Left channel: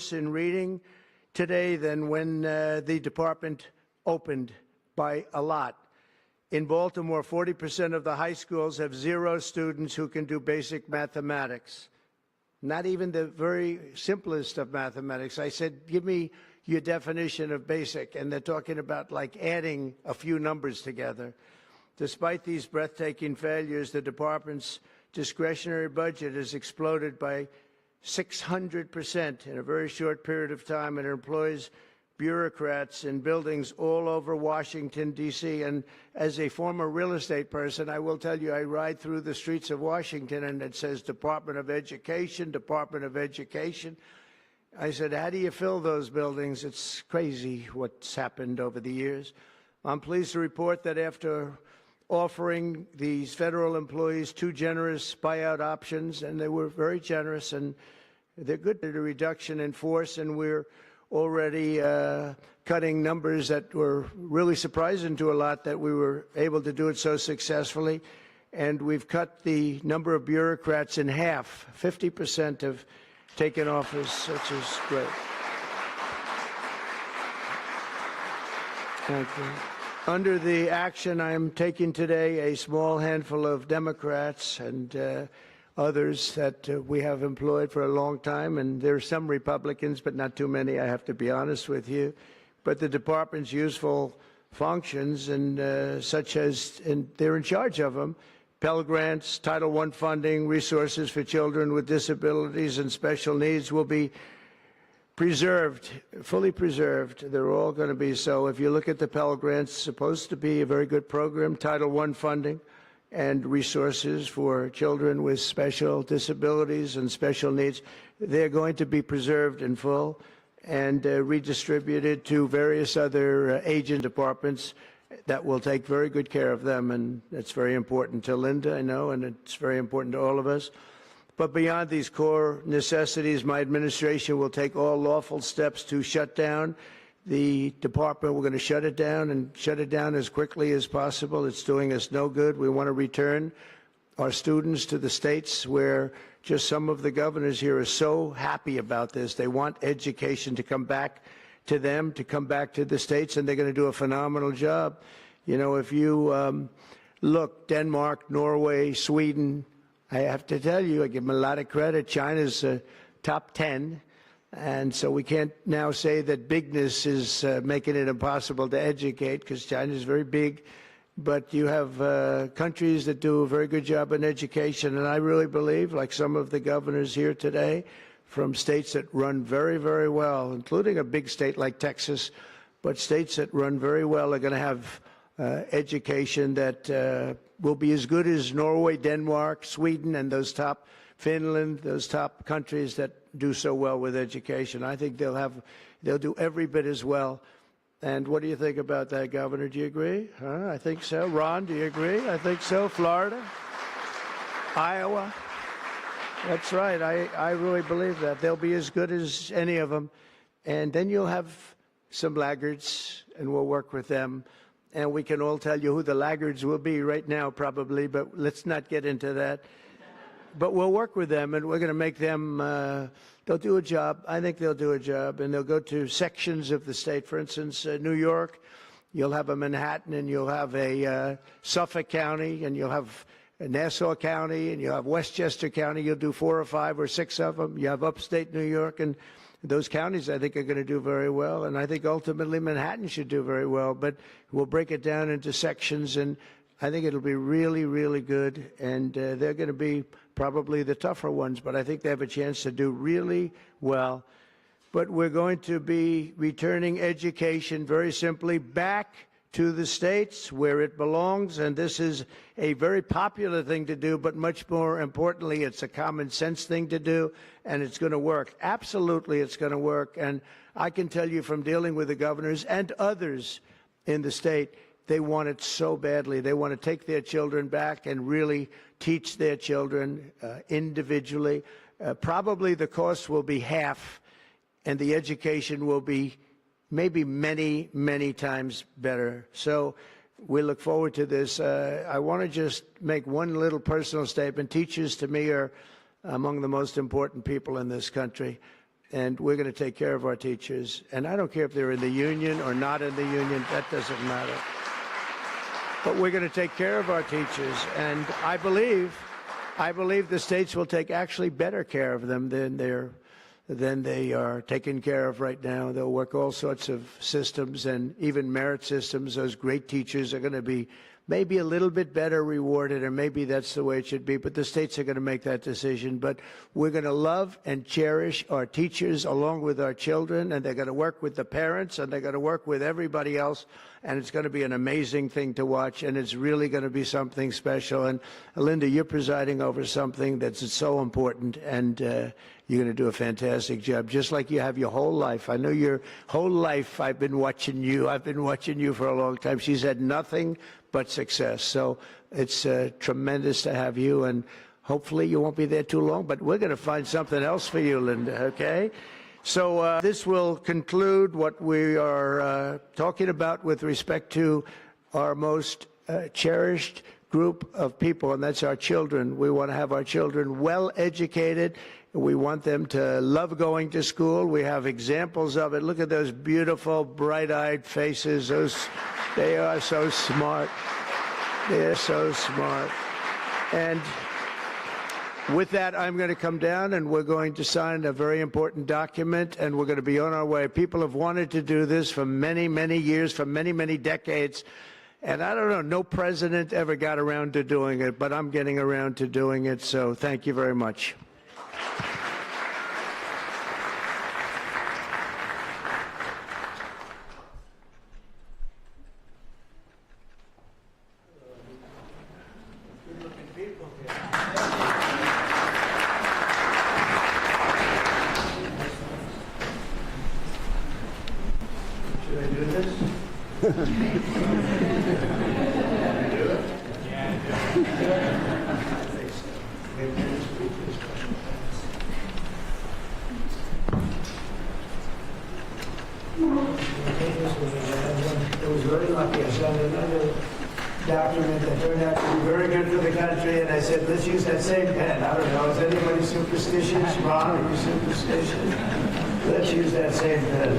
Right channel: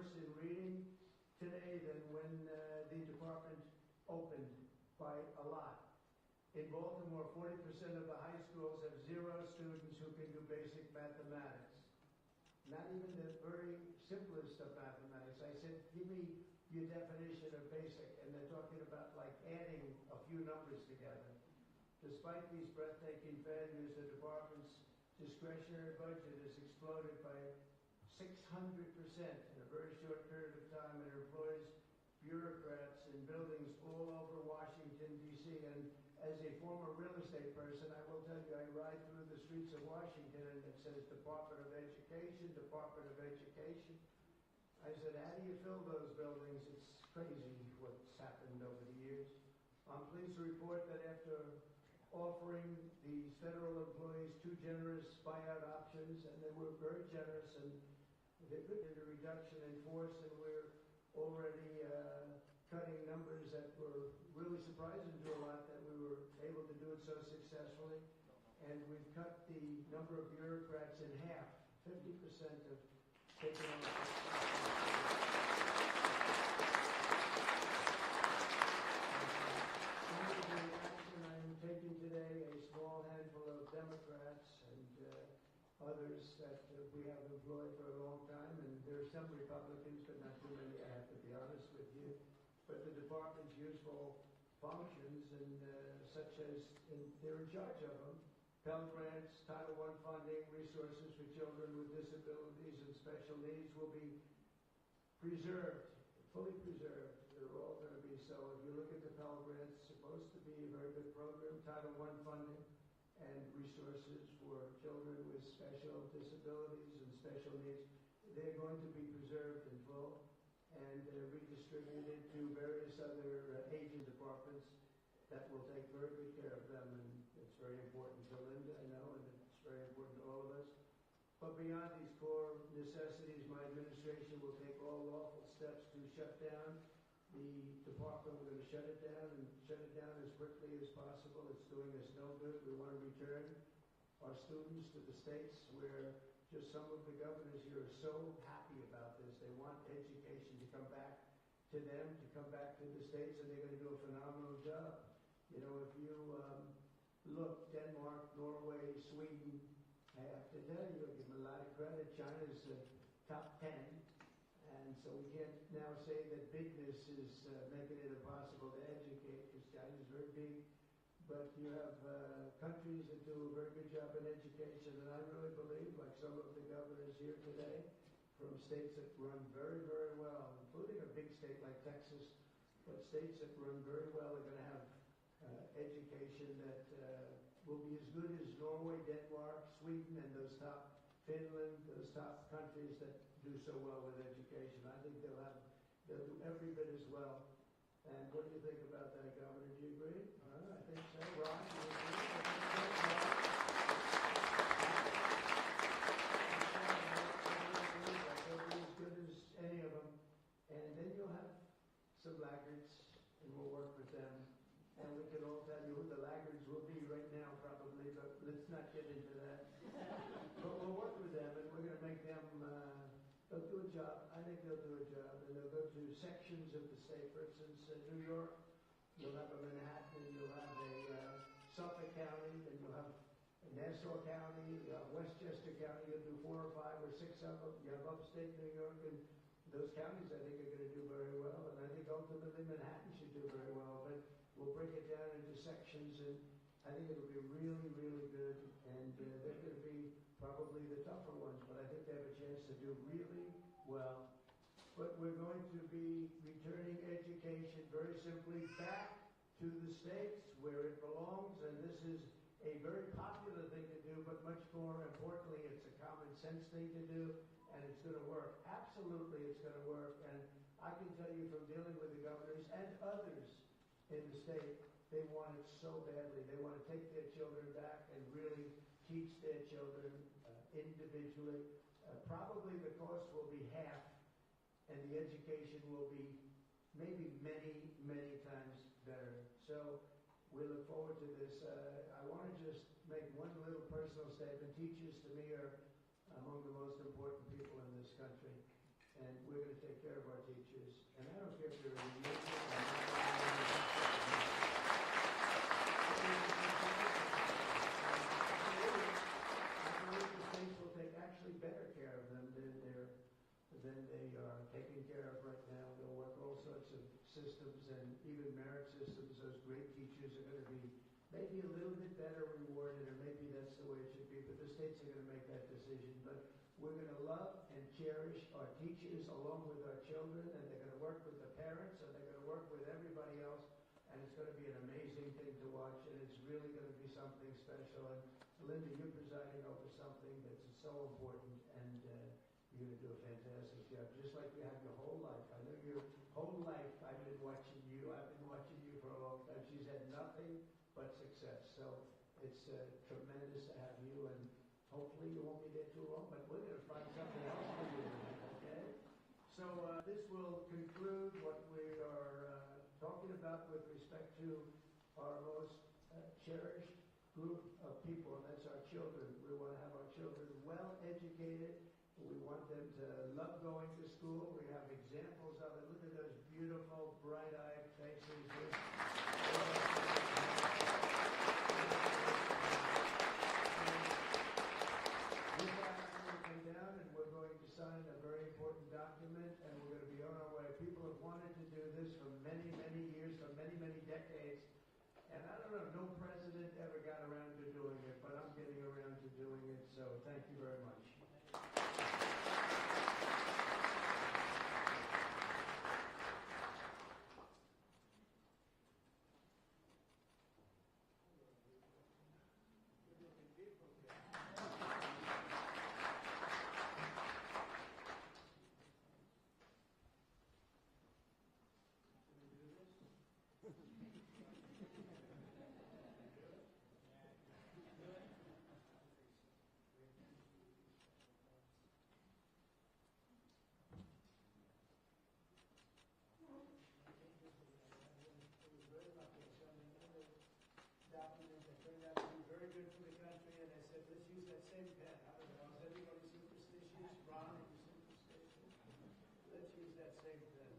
worse in reading today than when the department opened by a lot. In Baltimore, 40% of the high schools have 0 students who can do basic mathematics. Not even the very simplest of mathematics. I said, give me your definition of basic, and they're talking about like adding a few numbers together. Despite these breathtaking failures, the department's discretionary budget has exploded by 600% in a very short period of time, and it employs bureaucrats in buildings all over Washington, D.C. And as a former real estate person, I will tell you, I ride through the streets of Washington and it says Department of Education, Department of Education. I said, how do you fill those buildings? It's crazy what's happened over the years. I'm pleased to report that after offering these federal employees 2 generous buyout options, and they were very generous, and they're good at a reduction in force, and we're already cutting numbers that were really surprising to a lot that we were able to do it so successfully. And we've cut the number of bureaucrats in half. 50% have taken office, which is great. Thank you. Under the action I'm taking today, a small handful of Democrats and others that we have employed for a long time, and there are some Republicans, but not too many, I have to be honest with you. But the department's useful functions, and such as, and they're in charge of them, Pell Grants, Title I funding, resources for children with disabilities and special needs will be preserved, fully preserved. They're all going to be so. If you look at the Pell Grants, it's supposed to be a very good program, Title I funding, and resources for children with special disabilities and special needs. They're going to be preserved in full and redistributed to various other agent departments that will take very good care of them. And it's very important to Linda, I know, and it's very important to all of us. But beyond these core necessities, my administration will take all lawful steps to shut down the department. We're going to shut it down and shut it down as quickly as possible. It's doing us no good. We want to return our students to the states where just some of the governors here are so happy about this. They want education to come back to them, to come back to the states, and they're going to do a phenomenal job. You know, if you look, Denmark, Norway, Sweden, I have to tell you, I give them a lot of credit. China's top 10. And so we can't now say that bigness is making it impossible to educate, because China is very big. But you have countries that do a very good job in education. And I really believe, like some of the governors here today, from states that run very, very well, including a big state like Texas, but states that run very well are going to have education that will be as good as Norway, Denmark, Sweden, and those top, Finland, those top countries that do so well with education. I think they'll do every bit as well. And what do you think about that, Governor? Do you agree? I think so. Ron, do you agree? I think so. Florida? Iowa? That's right. I really believe that. They'll be as good as any of them. And then you'll have some laggards, and we'll work with them. And we can all tell you who the laggards will be right now, probably, but let's not get into that. But we'll work with them, and we're going to make them, they'll do a job. I think they'll do a job, and they'll go to sections of the state. For instance, New York, you'll have a Manhattan, and you'll have a Suffolk County, and you'll have Nassau County, and you'll have Westchester County. You'll do 4 or 5 or 6 of them. You have upstate New York, and those counties, I think, are going to do very well. And I think ultimately Manhattan should do very well. But we'll break it down into sections, and I think it'll be really, really good. And they're going to be probably the tougher ones, but I think they have a chance to do really well. But we're going to be returning education very simply back to the states where it belongs, and this is a very popular thing to do, but much more importantly, it's a common sense thing to do, and it's going to work. Absolutely, it's going to work. And I can tell you from dealing with the governors and others in the state, they want it so badly. They want to take their children back and really teach their children individually. Probably the cost will be half, and the education will be maybe many, many times better. So we look forward to this. I want to just make one little personal statement. Teachers, to me, are among the most important people in this country. and we're going to take care of our teachers. And I don't care if they're in the union or not in the union, that doesn't matter. But we're going to take care of our teachers, and I believe the states will take actually better care of them than they are taken care of right now. They'll work all sorts of systems and even merit systems. Those great teachers are going to be maybe a little bit better rewarded, or maybe that's the way it should be, but the states are going to make that decision. But we're going to love and cherish our teachers along with our children, and they're going to work with the parents, and they're going to work with everybody else, and it's going to be an amazing thing to watch, and it's really going to be something special. And Linda, you're presiding over something that's so important, and you're going to do a fantastic job, just like you have your whole life. I know your whole life I've been watching you. I've been watching you for a long time. She's had nothing but success. So it's tremendous to have you, and hopefully you won't be there too long, but we're going to find something else for you, Linda, okay? So this will conclude what we are talking about with respect to our most cherished group of people, and that's our children. We want to have our children well educated. We want them to love going to school. We have examples of it. Look at those beautiful, bright-eyed faces. They are so smart. They're so smart. And with that, I'm going to come down, and we're going to sign a very important document, and we're going to be on our way. People have wanted to do this for many, many years, for many, many decades. And I don't know, no president ever got around to doing it, but I'm getting around to doing it, so thank you very much. Document that turned out to be very good for the country, and I said, let's use that same pen. I don't know, is anybody superstitious? Ron, are you superstitious? Let's use that same pen.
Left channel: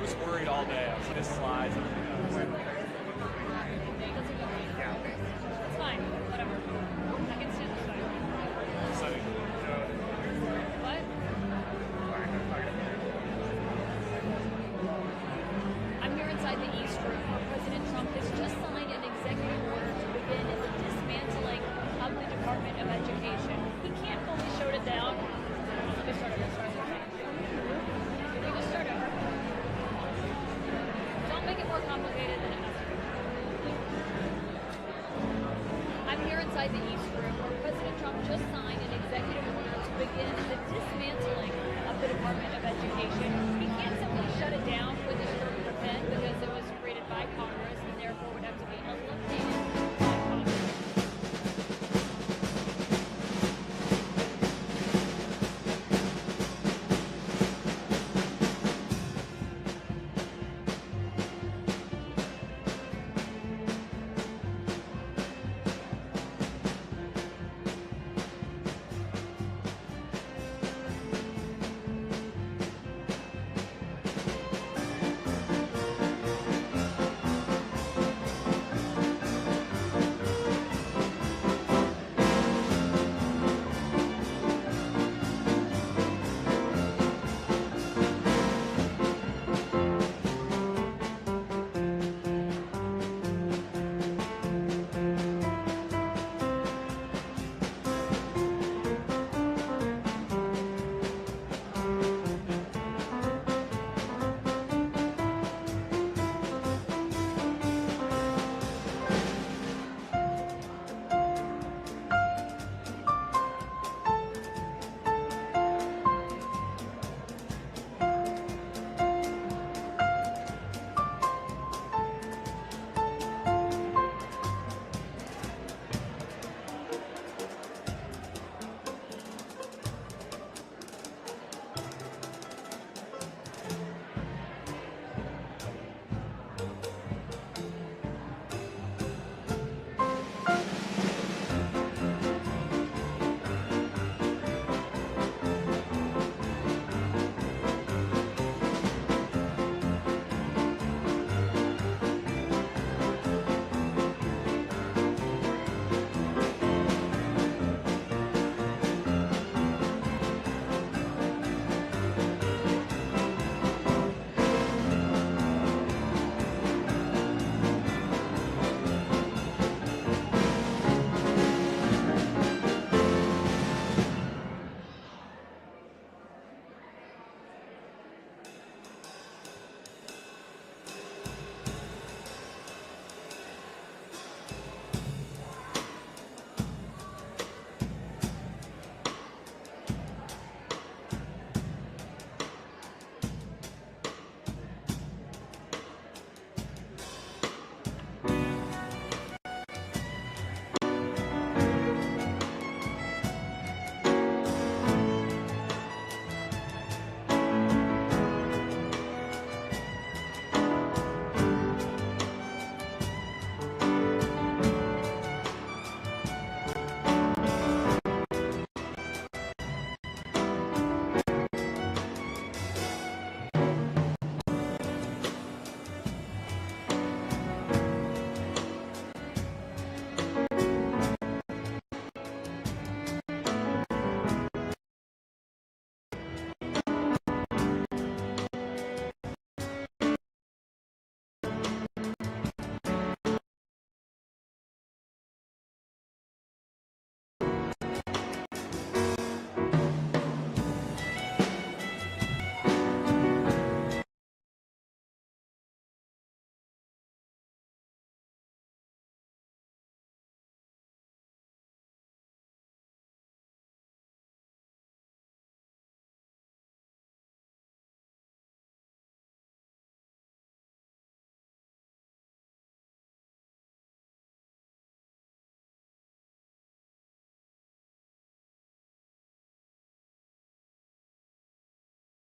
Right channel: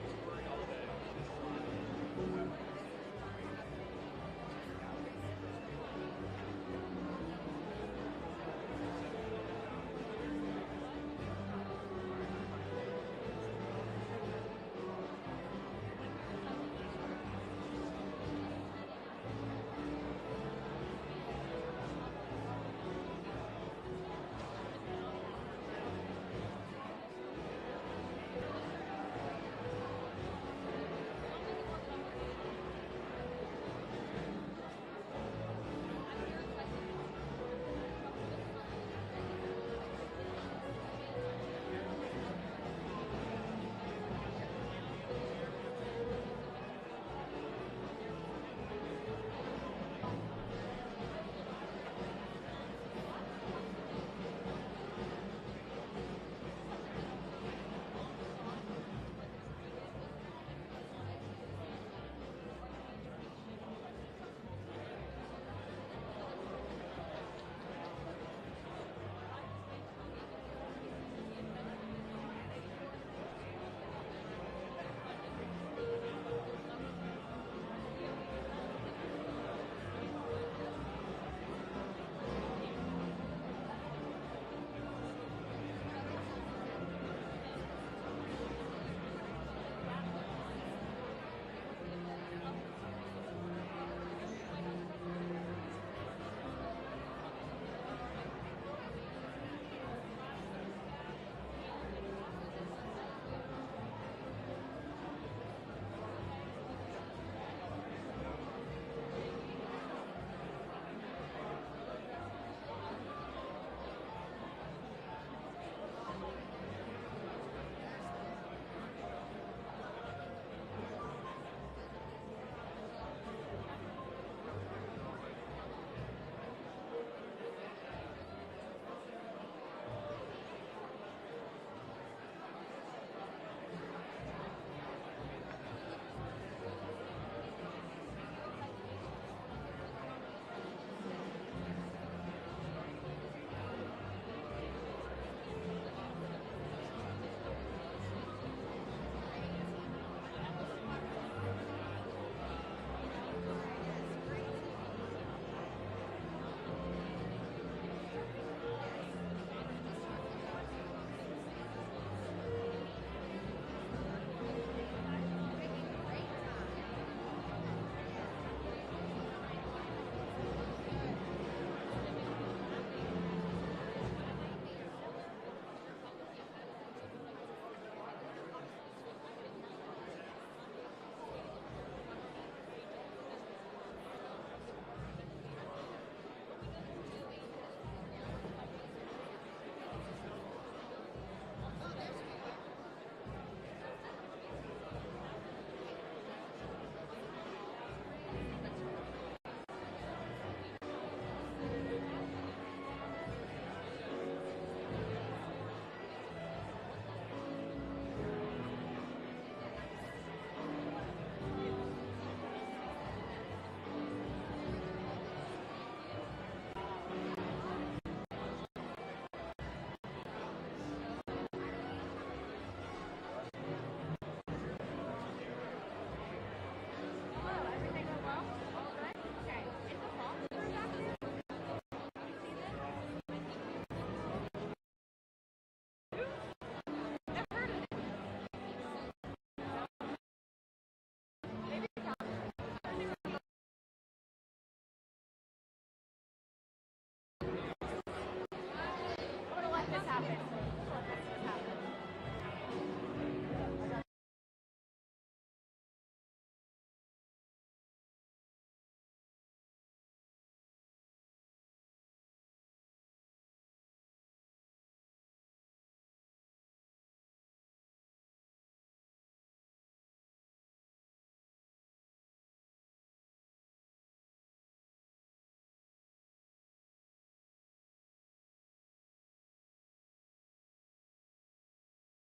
I was worried all day. I was like, this slides.